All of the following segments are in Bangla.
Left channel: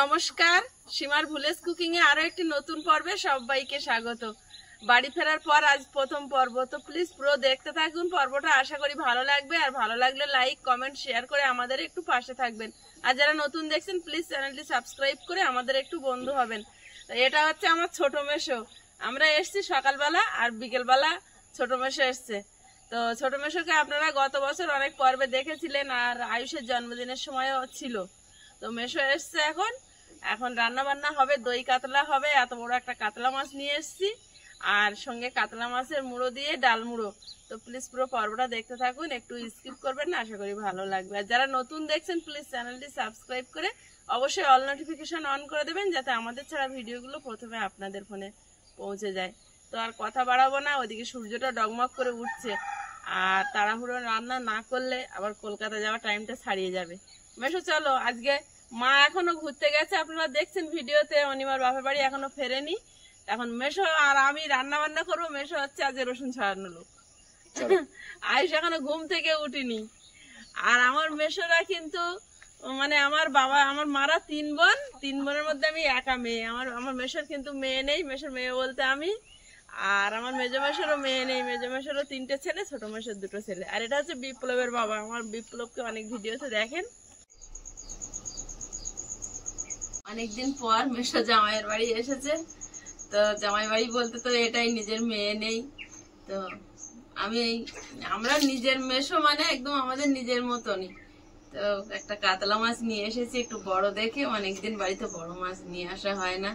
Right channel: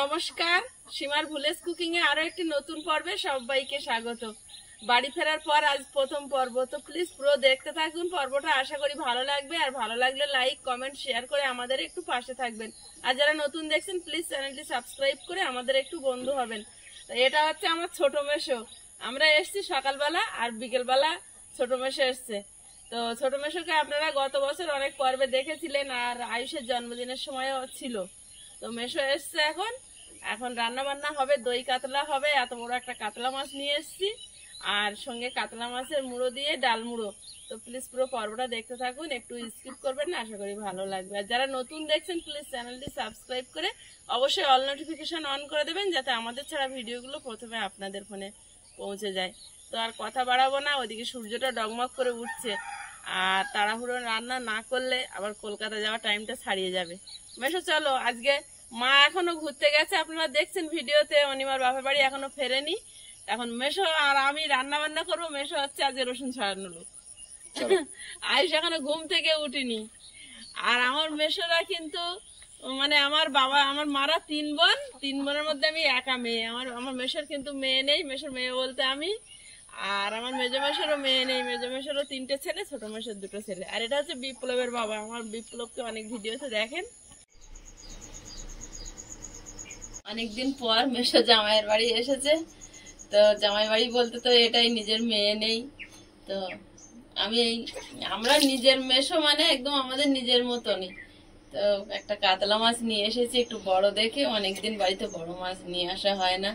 নমস্কার, সীমার ভিলেজ কুকিং এ আরো একটি নতুন পর্বে সবাইকে স্বাগত। বাড়ি ফেরার পর আজ প্রথম পর্ব, তো প্লিজ পুরো দেখতে থাকুন পর্বটা। আশা করি ভালো লাগবে, আর ভালো লাগলে লাইক কমেন্ট শেয়ার করে আমাদের একটু পাশে থাকবেন। আর যারা নতুন দেখছেন প্লিজ চ্যানেলটি সাবস্ক্রাইব করে আমাদের একটু বন্ধু হবেন। তো এটা হচ্ছে আমার ছোট মেশো। আমরা এসছি সকালবেলা আর বিকেলবেলা ছোট মেশো এসছে। তো ছোট মেশোকে আপনারা গত বছর অনেক পর্বে দেখেছিলেন, আর আয়ুষের জন্মদিনের সময়ও ছিল। তো মেশো এসছে এখন এখন রান্না বান্না হবে, দই কাতলা হবে। এত বড় একটা কাতলা মাছ নিয়ে এসছি, আর সঙ্গে কাতলা মাছের মুড়ো দিয়ে ডাল মুড়ো। তো প্লিজ পুরো পর্বটা দেখতে থাকুন, একটু স্কিপ করবেন না, আশা করি ভালো লাগবে। আর যারা নতুন দেখছেন প্লিজ চ্যানেলটি সাবস্ক্রাইব করে অবশ্যই অল নোটিফিকেশন অন করে দেবেন, যাতে আমাদের ছাড়া ভিডিওগুলো প্রথমে আপনাদের ফোনে পৌঁছে যায়। তো আর কথা বাড়াবো না, ওদিকে সূর্যটা ডগমগ করে উঠছে, আর তাড়াহুড়ো রান্না না করলে আবার কলকাতা যাওয়ার টাইমটা ছাড়িয়ে যাবে। মেশো চলো, আজকে মা এখনো ঘুরতে গেছে, আপনারা দেখছেন ভিডিওতে, অনিমার বাপের বাড়ি এখনো ফেরেনি। এখন মেশো আর আমি রান্না বান্না করবো। মেশো হচ্ছে আজকে রসুন ছাড়ানো লোক। আয়ুষ এখনো ঘুম থেকে উঠিনি। আর আমার মেশোরা কিন্তু মানে আমার বাবা আমার মারা তিন বোনের মধ্যে আমি একা মেয়ে। আমার মেশোর কিন্তু মেয়ে নেই, মেশোর মেয়ে বলতে আমি। আর আমার মেজো মেশোরও মেয়ে নেই, মেজো মেশোরও 3টে ছেলে, ছোট মেশোর 2টো ছেলে। আর এটা হচ্ছে বিপ্লবের বাবা। আমার বিপ্লবকে অনেক ভিডিওতে দেখেন। অনেকদিন পর মেশো জামাইয়ের বাড়ি এসেছে। তো জামাই বাড়ি বলতে তো এটাই, নিজের মেয়ে নেই। তো আমরা নিজের মেশো মানে একদম আমাদের নিজের মতনই। তো একটা কাতলা মাছ নিয়ে এসেছি, একটু বড় দেখে। অনেকদিন বাড়িতে বড় মাছ নিয়ে আসা হয় না।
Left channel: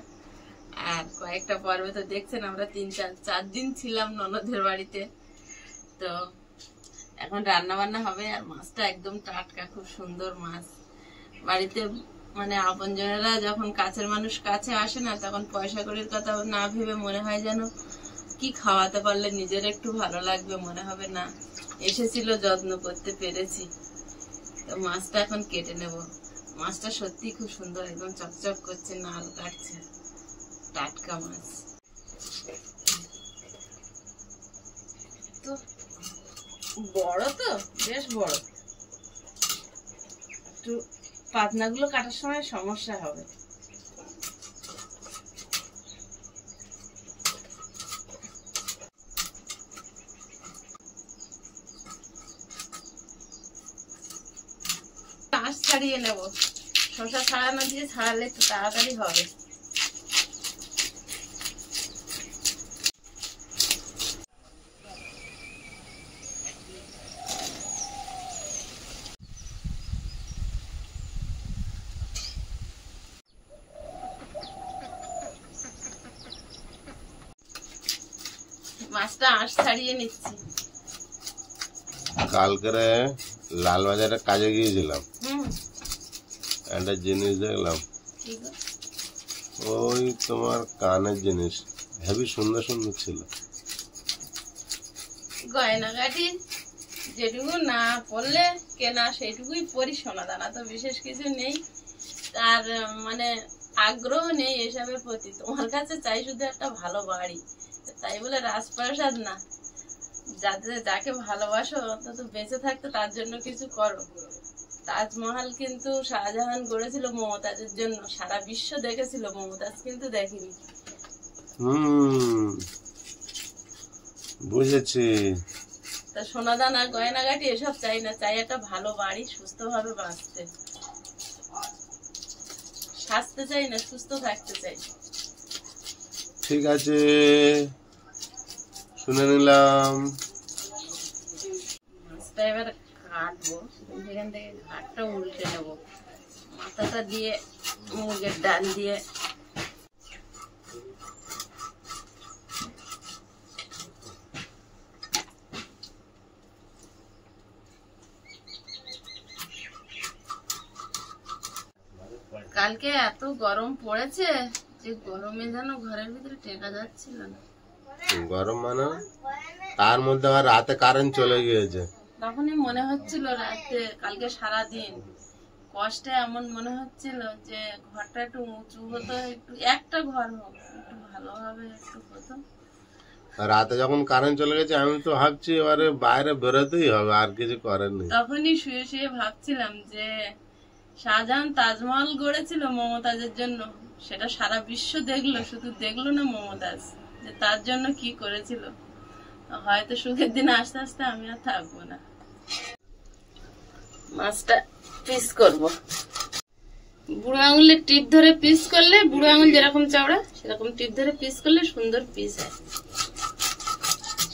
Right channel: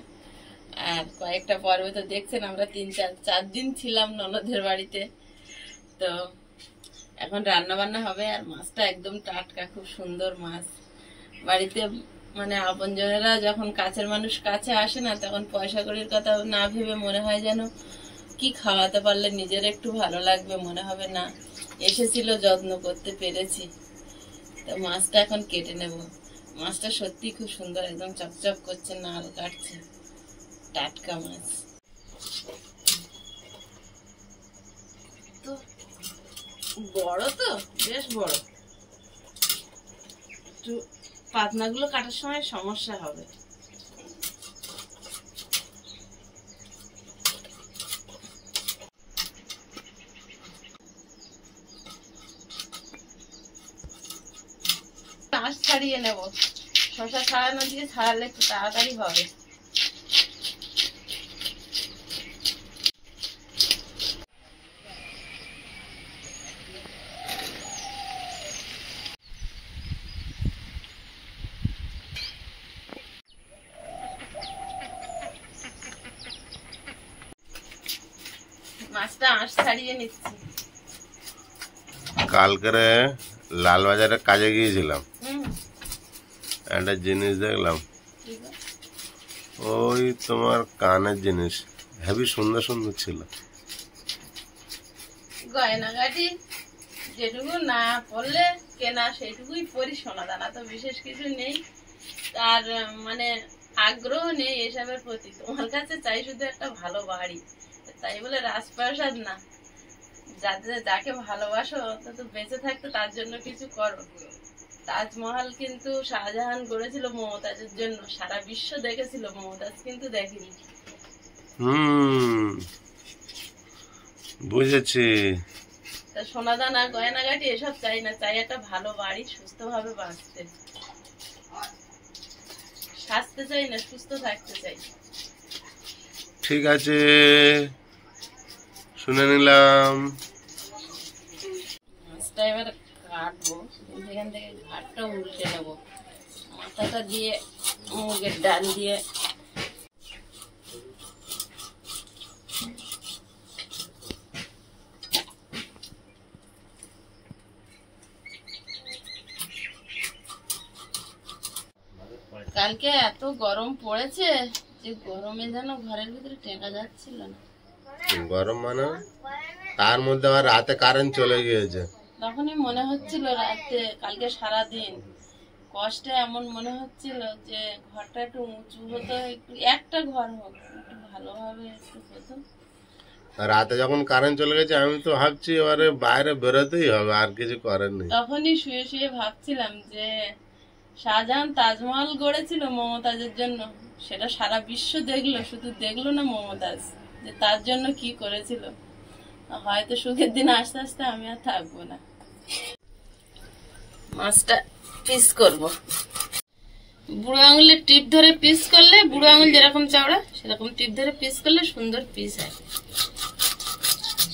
আর কয়েকটা পর্বে তো দেখছেন আমরা 3-4 দিন ছিলাম ননদের বাড়িতে। তো এখন রান্না বান্না হবে, আর মাছটা একদম টাটকা, খুব সুন্দর মাছ। বাড়িতে মানে আপনজনেরা যখন কাছের মানুষ কাছে আসে না, তখন পয়সা কড়ির কথা না ভেবে মনে হয় যেন কি খাওয়াতে পারলে নিজের একটু ভালো লাগবে, মনে হবে না এসেছিল যত্ন করতে পেরেছি। তো মাছটা এখন কেটে নেব। মাছটা সত্যি খুব সুন্দর, একদম চকচক করছে, নাল কাটছে, টাটকা মাছ। তো বড়, তো বেশ বড়। একটু পাতনাগুলো কাটার সময় সমস্যা হবে। আঁশ ছাড়িয়ে নেব, শসা ছাড়ানো দিয়ে ছাড়ালে একটু তাড়াতাড়ি হবে। মাছটা আঁশ ছাড়িয়ে নিচ্ছি। কালকে লালবাজারে কাজে গিয়েছিলাম, একটা জিনিস দেখলাম, ওই তোমার কানের জিনিস হেবি সুন্দর সুন্দর ছিল। গয়নাগাটি যেটুকু না পড়লে কেনা সেইটুকুই পরি, সোনা দানা তো বিশেষ কিছু নেই। তার মানে আগ্রহ নেই এসবের প্রতি। তোমার কাছে চাই শুধু একটা ভালো বাড়ি, তাই বলে রাজপ্রাসাদ না। যাকে ভালোবাসো অন্তত বেঁচে থাকতে তার জন্য কিছু করো। তাজমহল কিন্তু শাহজাহান গড়েছিল মমতাজের জন্য, সারা বিশ্ব দেখেছিল, মমতাজ কিন্তু দেখেনি। বুঝেছি। তা সোনাদানা গয়নাগাটি এসব চাই না, চাই একটা ভালো বাড়ি, সুস্থভাবে বাঁচতে। সাজতে চাই না, সুস্থ থাকতে চাই। ঠিক আছে, শুনে নিলাম। মাছটা এবার কাটবো, সেখান থেকে ঘাটটা উল্টে নেবো, মাথাটা দিয়ে মুগের ডাল দিয়ে। কালকে এত গরম পড়েছে যে গরমে যেন ঘরের ভিতরে টেকা যাচ্ছিল না। গরম মানে তার মধ্যে আবার রাতে কারেন্ট চলে গিয়েছে। তখনই মনে হচ্ছিল রাতে, কালকে সারাদিন কষ্টে এমন মনে হচ্ছিল যে ঘরটা একটু উঁচু হতো, একটু একটা ঘর হোক, একটু ভালোভাবে একটু হতো। রাতে যখন কারেন্ট চলে গেছে আমি তো ভাবছি এবারে বাইরে বেরোতেই হবে, আর কিছু করার নেই। তখনই শুয়ে শুয়ে ভাবছিলাম যে শাহজাহান তাজমহল গড়েছিল মমতাজের জন্য, সেটা সারা বিশ্ব দেখলো, শুধু দেখলো না মমতাজ যে তার জন্য কি করেছিল। হয়তো সুখের দিন আস্তে আস্তে আমি আর থাকবো না। মাছটা পিস করব, বুড়ো আঙুলের টিপ ধরে পিস করলে, বুড়ো আঙুল যেরকম চাওড়া সেরকম টিপ ধরে পিস করলে সুন্দর পিস হয়।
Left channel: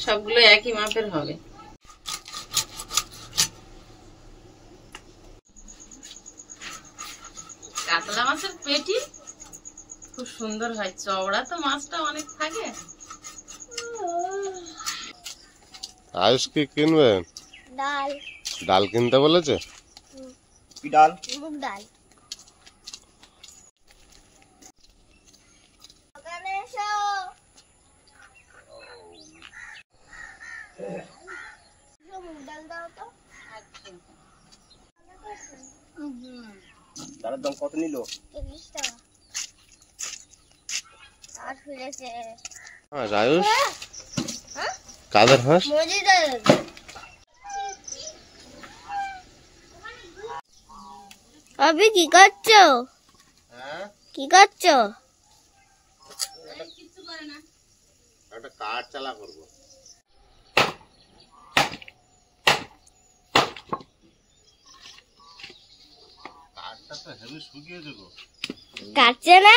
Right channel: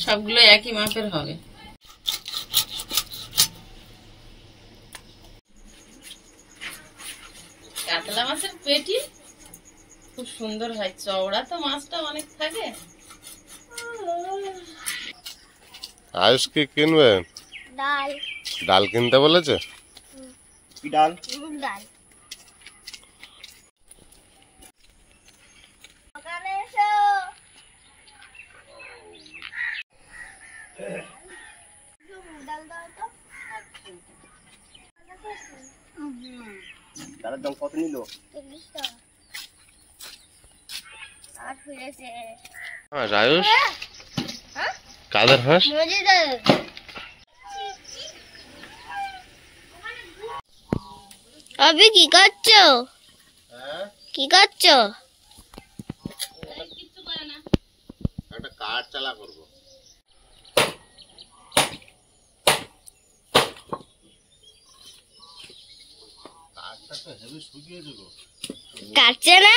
সবগুলো একই মাপের হবে। কাতলা মাছের পেটি খুব সুন্দর হয়, চওড়া তো মাছটা অনেক থাকে। আয়ুষ কি কিনবে? ডাল। ডাল কিনতে বলেছে? কি ডাল? মুগ ডাল। ওখানে এসো। মুগ ডাল দাও তো। ডালের দাম কত নিল? 30 টাকা। আর ফিরেছে। হ্যাঁ আয়ুষ, কাদের হাঁস? মজিদের। আবি কি করছো? কি করছো? একটা কাঠ চালা করবো। কাঠটা তো হেভি শুকিয়েছে গো। কাটছে না?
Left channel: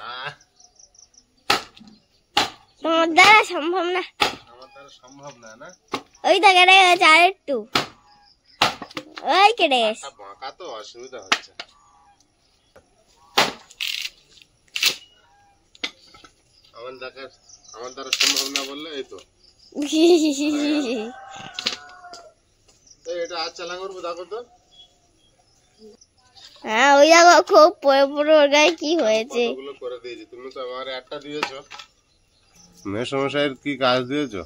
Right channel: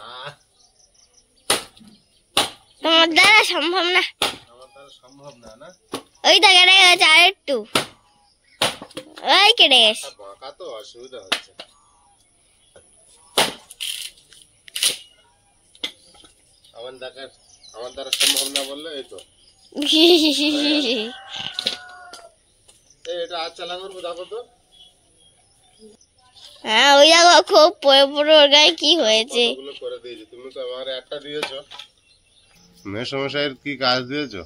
না, তোমার দ্বারা সম্ভব না। আমার দ্বারা সম্ভব না। না, ওই তো কেটে গেছে আর একটু। ওই কেটে গেছে। বাঁকা তো অসুবিধা হচ্ছে। আমার দ্বারা সম্ভব না বললে এই তো। এটা আজ চালা করবো, দেখো তো। হ্যাঁ ওই দেখো খুব পড়ে পড়ে ওর গায়ে কি হয়েছে। কতগুলো করে দিয়েছি, তুমি তো আমার একটা দিয়েছো। মেসমশাইয়ের কি কাজ দিয়েছো?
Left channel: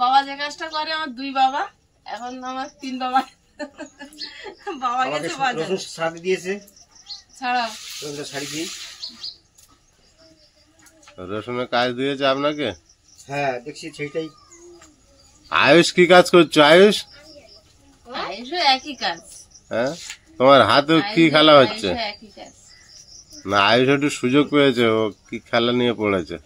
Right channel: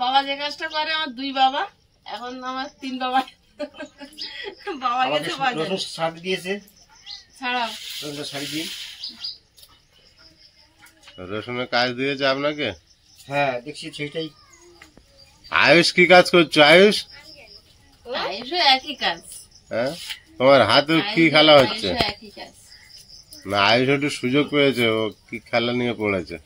বাবা যে কাজটা করে আমার 2 বাবা, এখন আমার 3 বাবা। বাবা আমাকে গেছে বাজারে। রসুন শাড়ি দিয়েছে, ছাড়াও রসুন শাড়ি দিই। রসুনের কাজ দিয়েছে আপনাকে? হ্যাঁ দেখছি সেইটাই। আয়ুষ কি কাজ করছো আয়ুষ? আয়ুষও একই কাজ। হ্যাঁ, তোমার হাতে কি খেলা হচ্ছে? আয়ুষও একই কাজ। না, আয়ুষ একটু সুযোগ পেয়েছে, ও কি খেলা নিয়ে পড়েছে।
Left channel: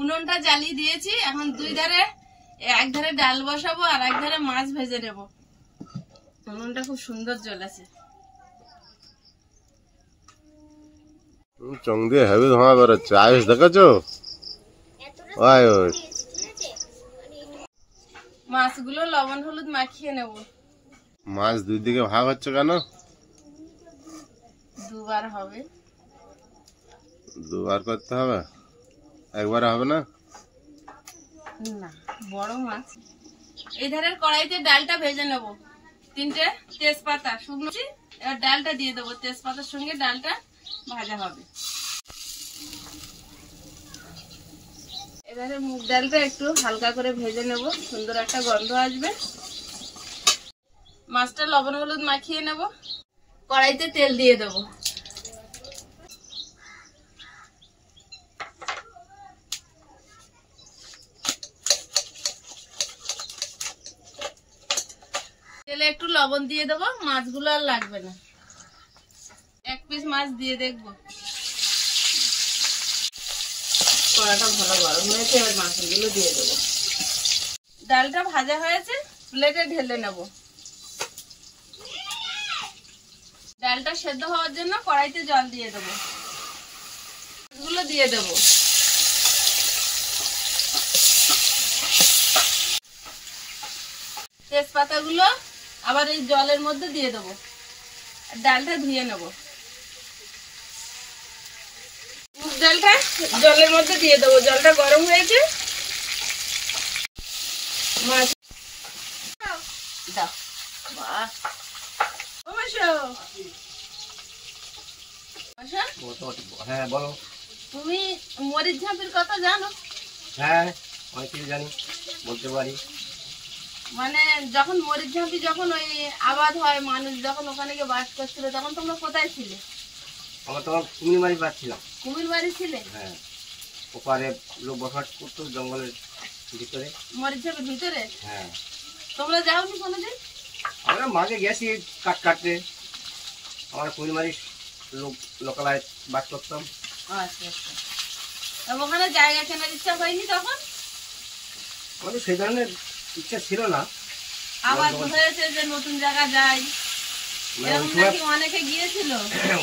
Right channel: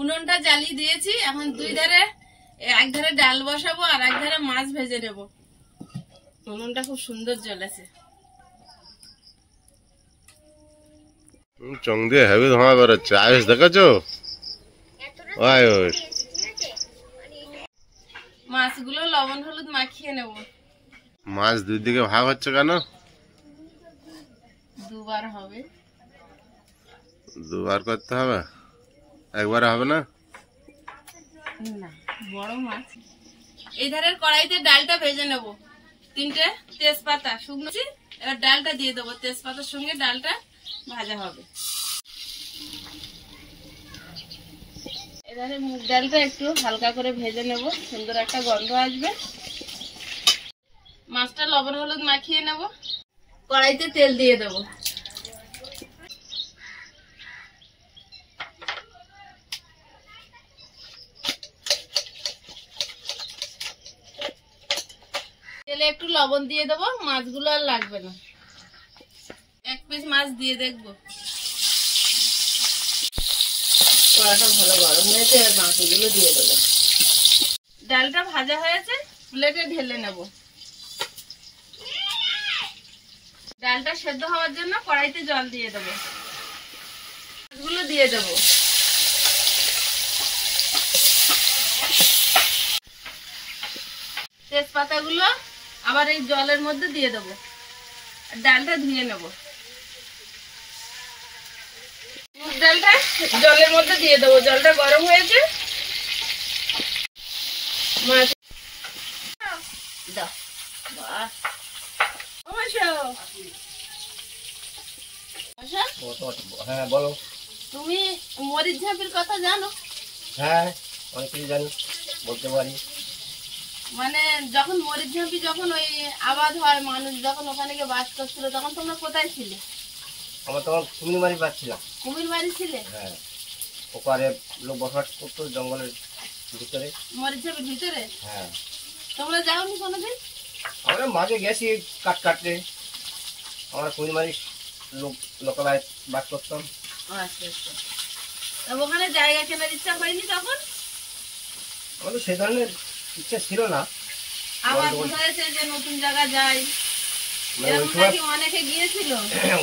উনুনটা জ্বালিয়ে দিয়েছি, এখন 2 ধারে, এক ধারে ডাল বসাবো আর এক ধারে মাছ ভেজে নেব। উনুনটা খুব সুন্দর জ্বলেছে। চং দিয়ে হেভি ধোঁয়া বেরোচ্ছে। আয়ুষ দেখেছো? ও আয়ুষ, মাছগুলো লবণ হলুদ মাখিয়ে নেব। মাছ 2 দিকে ভাগ হচ্ছে কেন? 2 বার হবে। 2 বার করতে হবে, একবারে হবে না? না, বড় মাছ। এই ধারের কড়াইতে ডালটা ভেজে নেব। 3টে তেজপাতা শুকনো, এবার ডালটা দিয়ে দেবো। তেজপাতার সঙ্গে ডালটা ভাজা হবে। এবারে মুগ ডালটা একটু হালকা করে ভেজে নেব, সুন্দর একটা গন্ধ আসবে। মাছটা লবণ হলুদ মাখিয়ে নেব। কড়াইতে তেল দিয়ে দেবো। তেলে একটু লবণ দিয়ে দেবো, মাছগুলো আর লাগবে না। 1 পিস মাছ দিয়ে দেখবো। কড়াটা ভালো গরম হয়েছে, এবার মাছগুলো দিয়ে দেবো। ডালটা ভাজা হয়েছে, প্লেটে ঢেলে নেব। ডালটা সেদ্ধ হওয়ার জন্য কড়াইতে জল দিয়ে দেবো। মাছগুলো দিয়ে দেবো। তেজপাতাগুলো আবার এই জলের মধ্যে দিয়ে দেবো। ডালটা ধুয়ে নেব। মুগ ডালটা জলের মধ্যে দিয়ে দেবো, জলটা গরম হয়েছে। মাছ দাও। বাহ, ও মাসো, মাসো, হ্যাঁ বলো। তুমি মরিচ ঝাঁপির কথা জানো? হ্যাঁ অনেক কিছু জানি, বলতে পারি। মানে যখন মরিচ ঝাঁপি, যখন ওই আবাদ হয়, মানুষ যখন ওখানে গিয়ে বাস করছিল, তখন তোমরা কোথায় ছিলে? আমরা তখন কুমির মারি পাচ্ছিলাম। কুমির বাড়ি ছিলে? হ্যাঁ, ওপারে লোক বসবাস করতো, জঙ্গলের ভিতরে। মরিচ ঝাপের ভিতরে? হ্যাঁ। তোমরা যাওনি কোনোদিন? আমরা মাঝে গেছি কাটতে, আমরা কুইলমারি লোকালয় বাস করতাম। আচ্ছা আচ্ছা। তা ওখানে জায়গা কেনার ইচ্ছা হয়নি তখন? আমাদের সেই ধরনের ইচ্ছা ছিল না। আবার হয়েছে যে নতুন জায়গা যাই, এরকম নাকি অনেকে গিয়েছিল?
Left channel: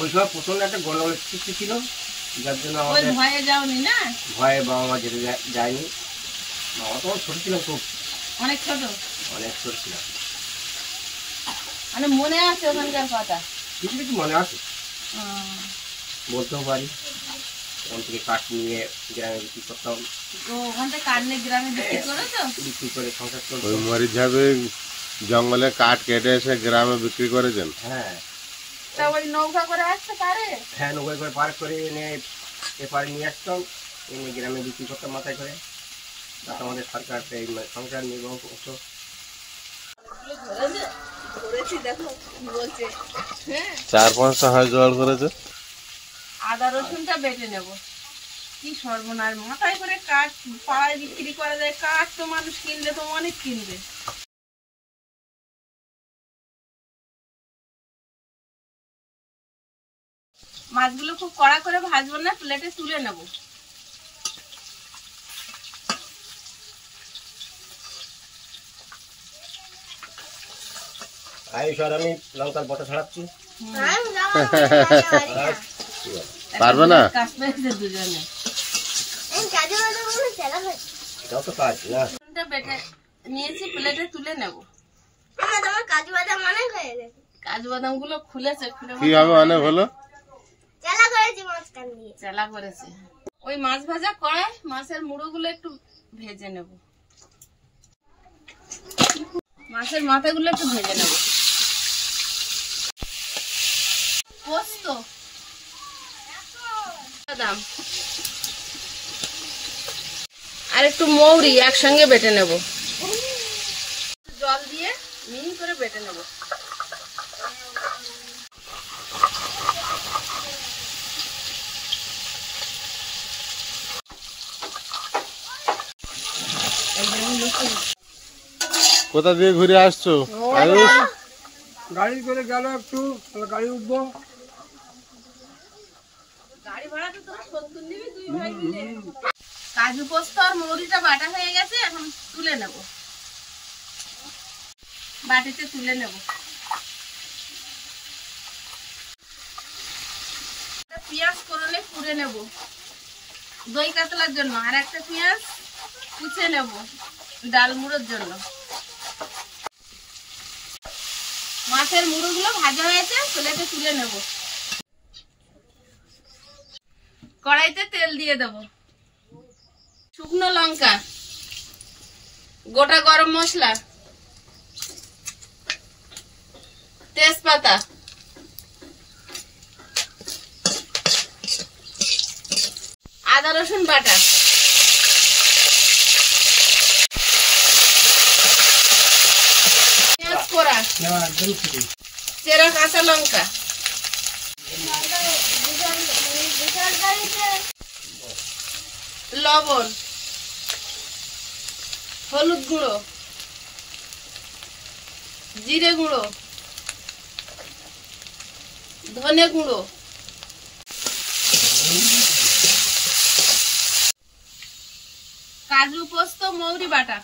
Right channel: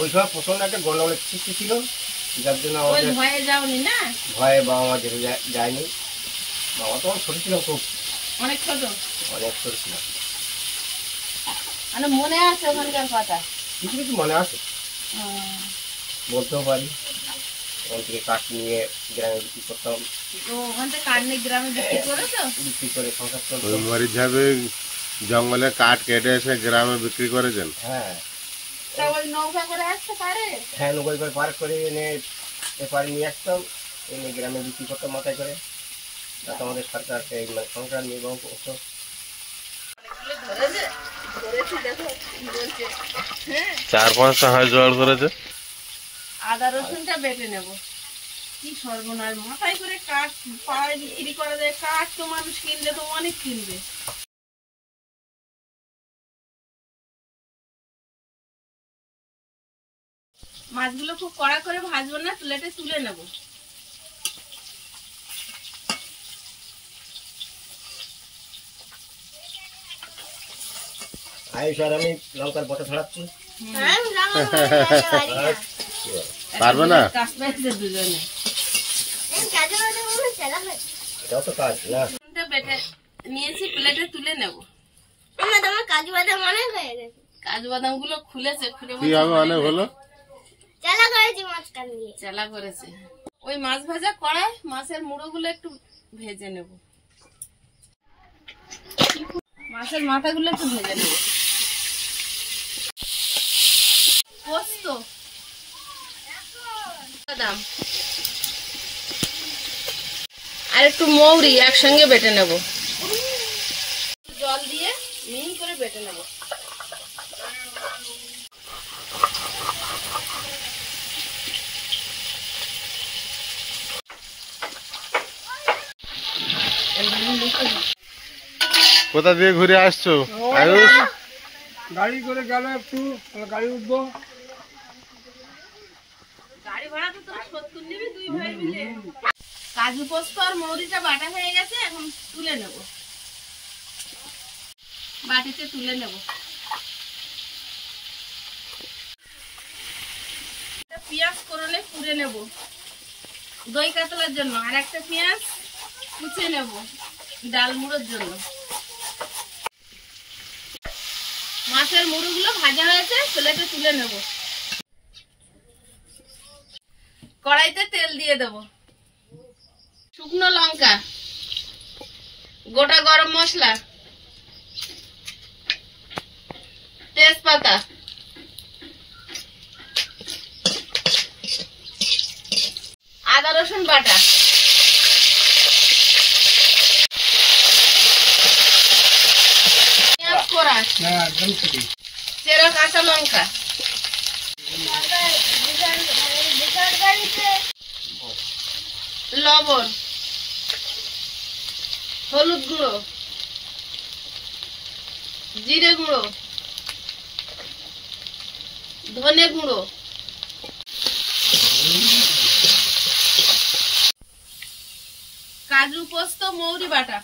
ওই সময় প্রচন্ড একটা গন্ডগোলের সৃষ্টি ছিল, যার জন্য ওই আমাদের ভয়ে যাওনি না? ভয়ে বাবা মা যেতে যায়নি। বাবা তখন ছোট ছিলাম, খুব অনেক ছোট? অনেক ছোট ছিলাম। মানে মনে আছে ওখানকার কথা? কিছু কিছু মনে আছে, বলতেও পারি। ওখান থেকে কাঠ নিয়ে গ্রামে বিক্রি করতাম। ওখান থেকে কাঠ নিয়ে গ্রামে বিক্রি করেছো? বিক্রি করে সংসার চলতো। ওই মরিচ ঝাপে জঙ্গলে কাঠ কেটে এসে গ্রামে বিক্রি করেছেন? হ্যাঁ। তা ওই নৌকা করে আসতে পারে? হ্যাঁ, নৌকা করে পার করে এনে এপারে নিয়ে আসতাম, এনে গ্রামে বিক্রি করতাম মাথায় করে। তাতে আমাদের সরকার সংসার নির্বাহ করতো। অনেকগুলো ধরেছে? ধরেছি, দেখো কি বলছে। হ্যাঁ, 4-5টা হয় জোগাড় করেছে। আদা রসুনটা বেটে নেব। কি সর্বনাশ, মাথায় করে কাঠ পাড়ায় বিক্রি করা যায়। কাঠ তো মানুষ কিনবে, তো অনেক কিনবে। মাছগুলো খুব কড়া করে ভাজবো না, প্লেটে তুলে নেব। আয়ুষ আর আমি লঙ্কার বটা ছড়াচ্ছি। পারবে না? কাজ পেয়েছে দুজনে। এটাও তো কাজ না। রসুনটা বেটে নিয়েছি, প্লেটে তুলে নেব। তোমার কাজু বাদাম অনেক হয়ে গেছে। কাজু বাদাম গুলো খুলেছে, খুলে কি হবে অনেক হলো? চালা করেছি মাঝখান দিয়ে। চালা করেছে। ওই মাছ ভাজা কড়াই মাছের মুড়ো গুলো একটু ভেজে নেব। মাছের মাথাগুলো একটু ভেজে নেব। পোস্ত, বাদাম আর একটু মৌরি একসঙ্গে বেটে নেব। জল দিয়ে মিহি করে বেটে নেব। কোথা দিয়ে ঘুরে আসছো আয়ুষ? গাড়ি করে গেল, একটু গাড়ি উঠবো। গাড়ি ভাড়া তো তোরা 70 নিবি দুই ভাই মিলে। কাজু পোস্ত আর মৌরিটা বাটা হয়ে গেছে, এখন তুলে নেব। বাটিতে তুলে নেব। পেঁয়াজ করলে কুড়ে নেব দই কাতলার জন্য, আর একটা পেঁয়াজ কুচে নেব ডাল মুড়োর জন্য। মাছের মুড়োগুলো ভাজা হয়েছে, প্লেটে তুলে নেব। কড়াইতে তেল দিয়ে দেব। শুকনো লঙ্কা, গোটা গরম মশলা, তেজপাতা, আদা রসুন বাটা, পেঁয়াজ কোড়া, চেরা কাঁচা লঙ্কা, লবণ, হলুদ গুঁড়ো, জিরে গুঁড়ো, ধনে গুঁড়ো, কাজু পোস্ত মৌরি বাটা।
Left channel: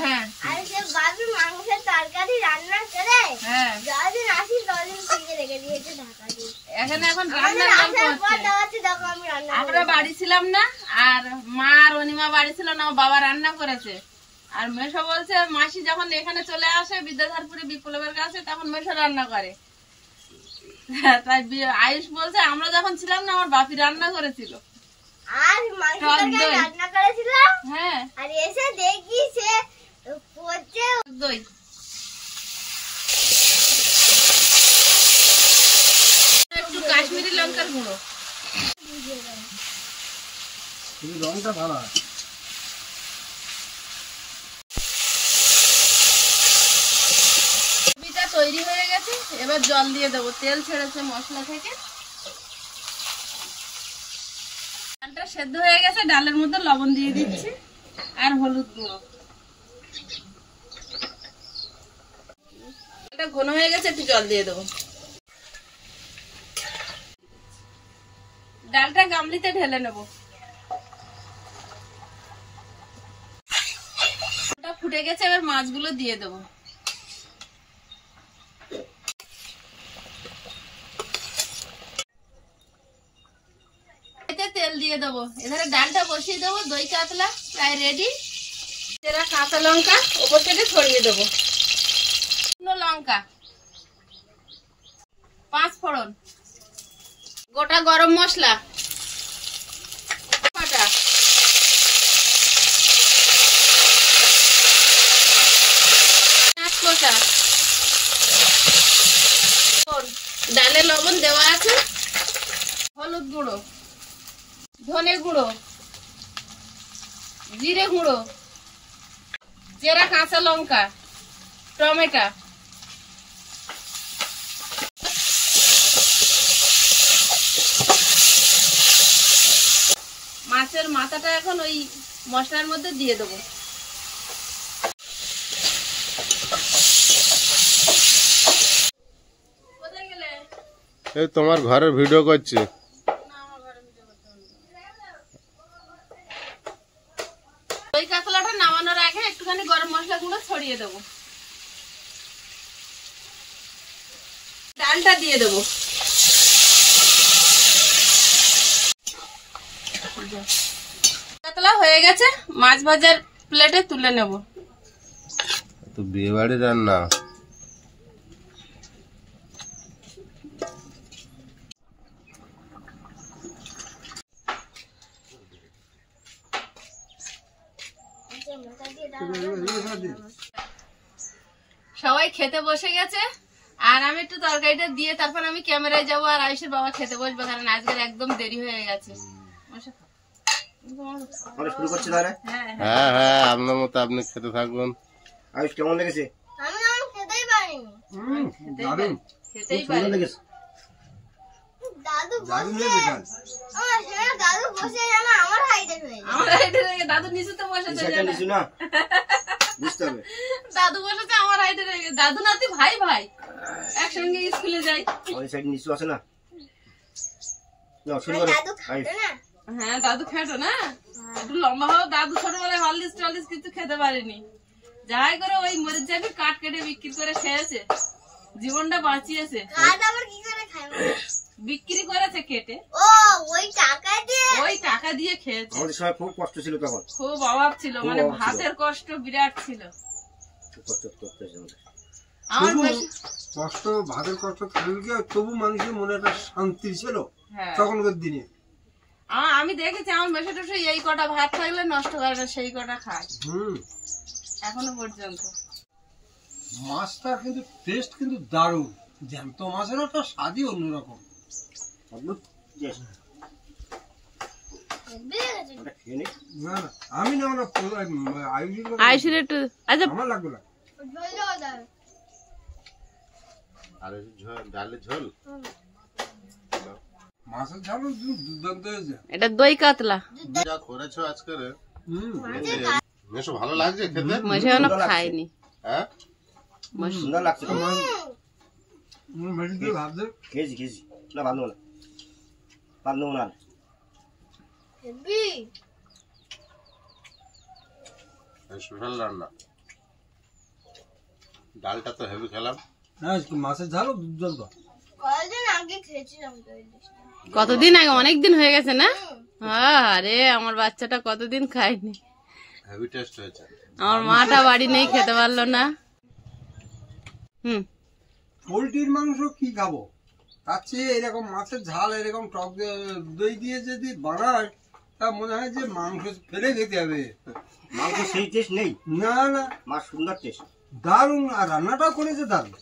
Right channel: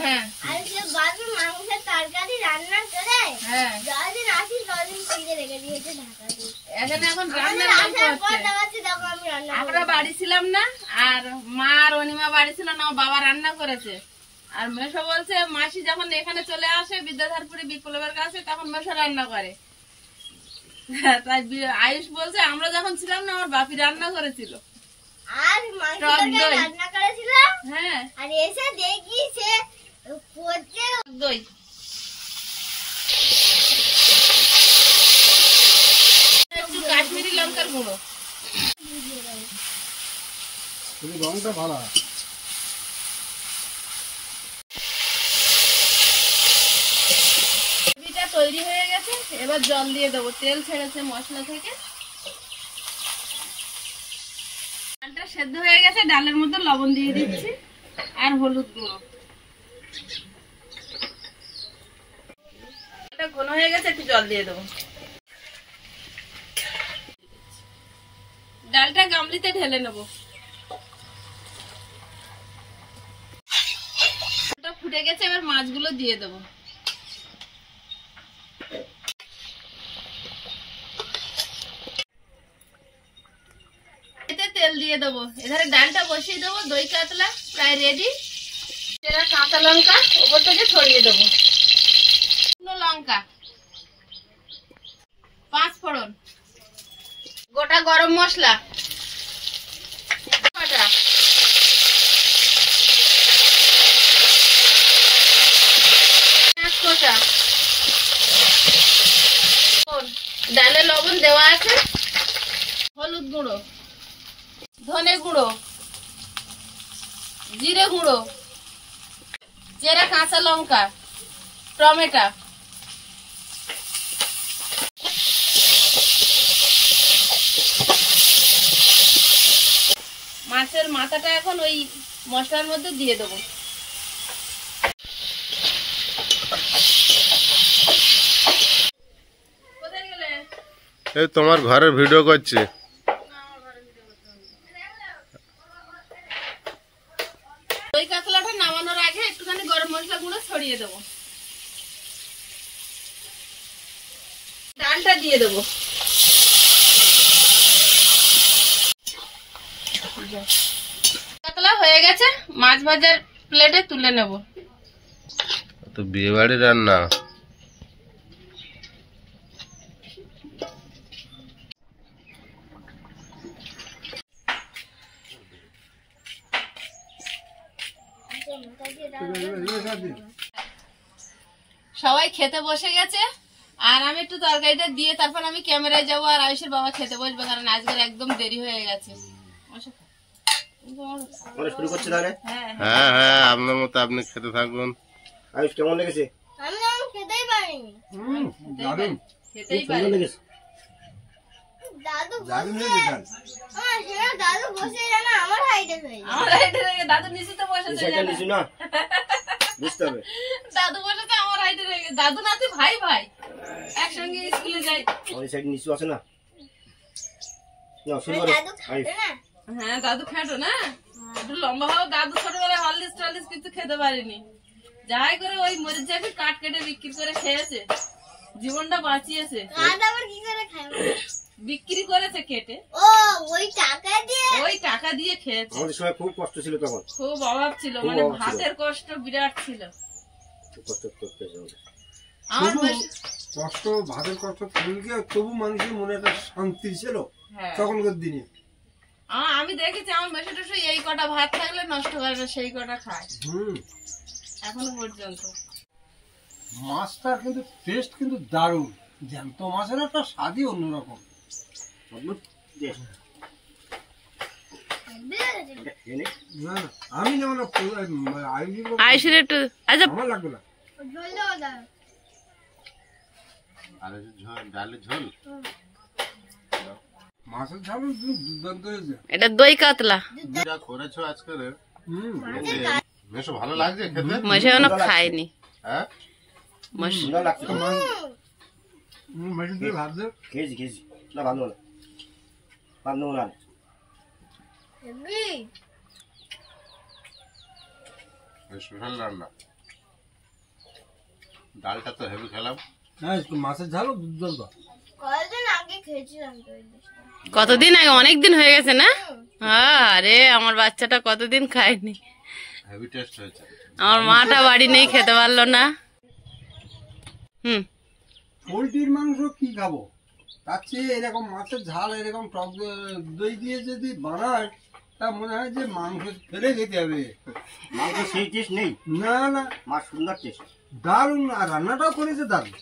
হ্যাঁ মাংসের তরকারি রান্না করে হ্যাঁ, যতদিন আসি ততদিন ফ্রিজে রেখে দিয়েছে ঢাকা দিয়ে। এখানে এখন রান্নার গল্প হচ্ছে। দেখো আমি রান্না আমরা বাড়ি ছিলাম না, আর মা আর অনিমা বাড়ি ছিল না, বাবা রান্না করেছে। আর মেশো বলছে মাসি যখন এখানে চলে আসে বিদ্যাধরপুরে বিপ্লবের কাছে, তখন মেশো রান্না করে। তাই আয়ুষ বলছে আমরা যখন ছিলাম না আমার বাপি রান্না করেছিল। আর মাংসটা রান্না করেছিল। হ্যাঁ, আর এসে দেখি সে পচে দই, একটু কাশ্মীরি লঙ্কার গুঁড়ো। রংটা ভালো হয়। তৈরি হয়ে গেছে, এবার জল দিয়ে দেবো। তেল ছেড়েছে মশলা থেকে, ডালটা সেদ্ধ হয়ে গেছে, ডালের মধ্যে লবণ দিয়ে দিচ্ছি আর হলুদ গুঁড়ো। এটা ঘন হয়ে গেছে, একটু জল দিয়ে দেবো। ডালটা গামলিতে ঢেলে নেব। ফুটে গেছে, এবার মাছগুলো দিয়ে দেবো। এতে তেল দিয়ে দেবো। এধারে ডালটা বসিয়ে দেবো। দই কাতলা প্রায় রেডি। চেরা কাঁচা লঙ্কা উপর থেকে ছড়িয়ে দেবো। শুকনো লঙ্কা, 5 ফোড়ন, গোটা গরম মশলা, বাটা, কষা, ডালে লবণ দেওয়া আছে, হলুদ গুঁড়ো, ধনে গুঁড়ো, জিরে গুঁড়ো, চেরা কাঁচা লঙ্কা, টমেটো, মাছের মাথাটা এখন ওই মশলার মধ্যে দিয়ে দেবো। কোথায় গেলে? এই তোমার ঘরের ভিডিও করছি। দই কাতলাটা নামানোর আগে একটুখানি গরম মশলা গুঁড়ো ছড়িয়ে দেবো। ডালটা দিয়ে দেবো। কাতলা হয়ে গেছে, মাছ ভাজার প্লেটে তুলে নেব। তো বিয়ে বাড়ি রান্না। সবাই খেতে বসে গেছে, আর আমি একটু তরকারিটা দিয়ে তারপর আমি ক্যামেরায় যাবো, আর আয়ুষের বাবা খেতে বসবে, কারণ আজকের একদম দেরি হয়ে গেছে। শুরু করছে তাহলে। হ্যাঁ হ্যাঁ, আপনার মতো আপনি খেতে থাকুন। আয়ুষ কেমন লেগেছে? আমি তো খেতেই পারিনি। খেতেই সুন্দর পারি। লেগেছে। দাদু বসে দাদু বসে যেন আমার হাইটে হয়ে যায়। আমার হাইটে রেখে দাদু নিচুতে বসেছে। সেটা নিচু না, বুঝতে হবে। দাদু বসেছে আমার হাইটে রেখে। দাদু নাতি ভাই ভাই, একসঙ্গে স্কুলে যাই। আমাদের সাইড নিচু আছে না। না শুরু করো দাদু আয়ুষ। খাবে না? হ্যাঁ দাদু খেটো না, একটু লম্বা হও। দাদু ছোটবেলায় হলদিস টলদিস কিছু খেতে পারেনি, যাই করে ওই মরিচ জাবি কাঠ কেটে বিক্রি করে খেয়েছে, জীবনটা বাঁচিয়েছে। কাঠ আবার কি করে খায়? বিক্রি করেছে কেটে, ও ওই টাকা দিয়ে। ওই টাকা দিয়ে খেয়েছে। আমাদের সময় খুব কষ্ট ছিল তখন, খুব অভাব ছিল, খুব মানে অভাব ছিল। ভাতের কষ্ট বিরাট ছিল। খুব কষ্ট করতে হয়েছে আমাদের। আমার তবু বেশ- কষ্ট, ভাতের কষ্ট থাকলে তবু মানুষের মনে একটা শান্তি ছিল হ্যাঁ, তখনকার দিনে। আমি দেখেছি আমার মেসো টেসো এই কটা ভাত থাকলে নষ্ট করে না, সেই কটা খায় এখনো পর্যন্ত। মাছটার কিন্তু টেস্ট কিন্তু দারুণ। জ্যান্ত মাছের একটা স্বাদই অন্যরকম। অদ্ভুত টেস্ট। ওটা খেয়ে নে। না না, আমি না মানে আয়ুষের একটু আচ্ছা আমার লাগবে না। ঝোল দেওয়া দাও। আর এই যে ডালের ঝোল। মাছের ঝাল দুর্দান্ত হয়েছে। এটা দই কাতলা। যা করেছো আজকের, হুম, বেশ ভালো লাগছে খেতে। মাসে এখনো খাইনি। হ্যাঁ, সুন্দর লাগছে তো। মেশিন দিয়ে ভাত দে। খেয়েছি খেয়েছি। না ভালো না, ভালো না। হেবি। স্পেশাল রান্না। ডালটা তো হেভি খেলাম। হ্যাঁ, মাছের ঝালও দুর্দান্ত। কয়েকদিন আগে খেয়েছিলাম তো এই ডিশটা। কতদিন আগে, অনেক দিন হয়ে গেছে না? আরে আমার বাচ্চাটা কতদিন খায়নি। হেভি টেস্ট হয়েছে। আমার মাটা বাড়ি নেই, খেতে পারলো না। পোলট্রির মাংস কি খাবো, তার চেয়ে এরকম মাছের ঝাল এরকম টক দই দিয়ে যদি বানায়, তা মনে হয় যে মাংস ফেলে খেতে হবে। মাংস সেই টেস্ট নেই, না না, মাছ সুন্দর টেস্ট। দারুণ। আর রান্নাটাও করেছে দারুণ।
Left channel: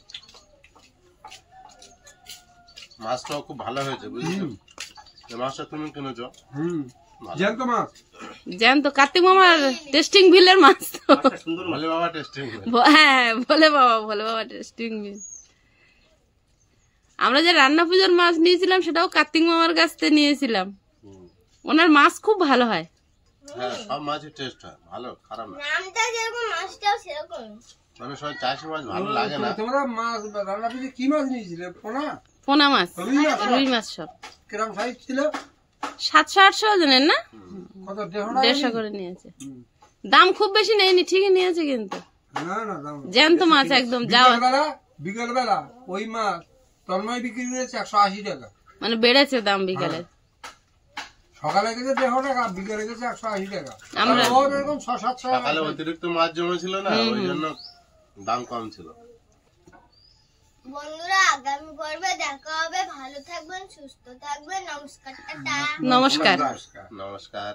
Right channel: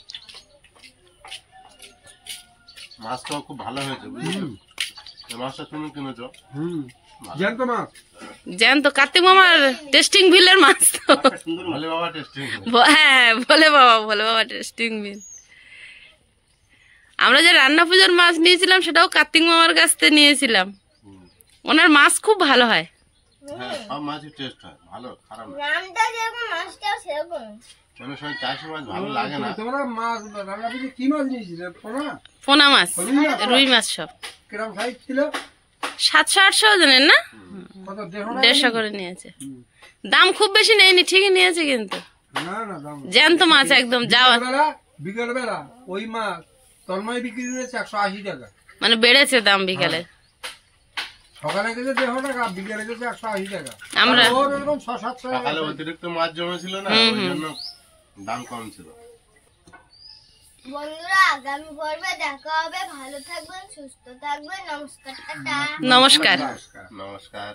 মাছটাও খুব ভালো হয়েছে, বুঝলি? এই মাছটা তুমি কিনেছো? জ্যান্ত মাছ। জ্যান্ত কার্তিক মামার টেস্টিং বিলের মাছ তো। মাছটা সুন্দর মাছ। বলে বাবা টেস্টিং। হ্যাঁ ভোলে বাবা টেস্টিং বিল। আমরা যে রান্না পুজোর মাছ নিয়েছিলাম সেটাও কার্তিক মামার কাছ থেকে নিয়েছিলাম। ওনার মাছ খুব ভালো হয়। হ্যাঁ সব মাছের টেস্ট হয় ভালো, খারাপ না। নামটা যেরকম মাছটাও সেরকম। মানে সব চাষি মাছ ভালো লাগে না। তোমরা মাছ রান্না করতে কি মাছ নিয়েছিলে? পোনা? পোনা মাছ, রুই মাছ? রুই মাছ সব কিরম সাইজ ছিল? 700-800 ওজনের না, কত? 150 150 করে নিয়েছে। দাম খুব বেশি নেয়নি, ঠিকই নিয়েছে কিন্তু। না না দাম জ্যান্ত মাছ একদম যাওয়া, বিকেল বেলা ওই মাছ তন্ময় বিক্রি করেছে 180 টাকা। মানে বেড়েছে দাম বিকালে। সকালে গেছে 150 টাকা, বিকেলে গেছে 180 টাকা। আমরা ওর এরকম 600-700 টাকা। সকালে অতিরিক্ত মাছ জমেছিল না, ওই জন্য দাম কম ছিল। বন্ধুরা আগামী পর্বে দেখা হবে। ভালো থাকবেন, সুস্থ থাকবেন। নমস্কার, টাটা। নমস্কার। নমস্কার। নমস্কার।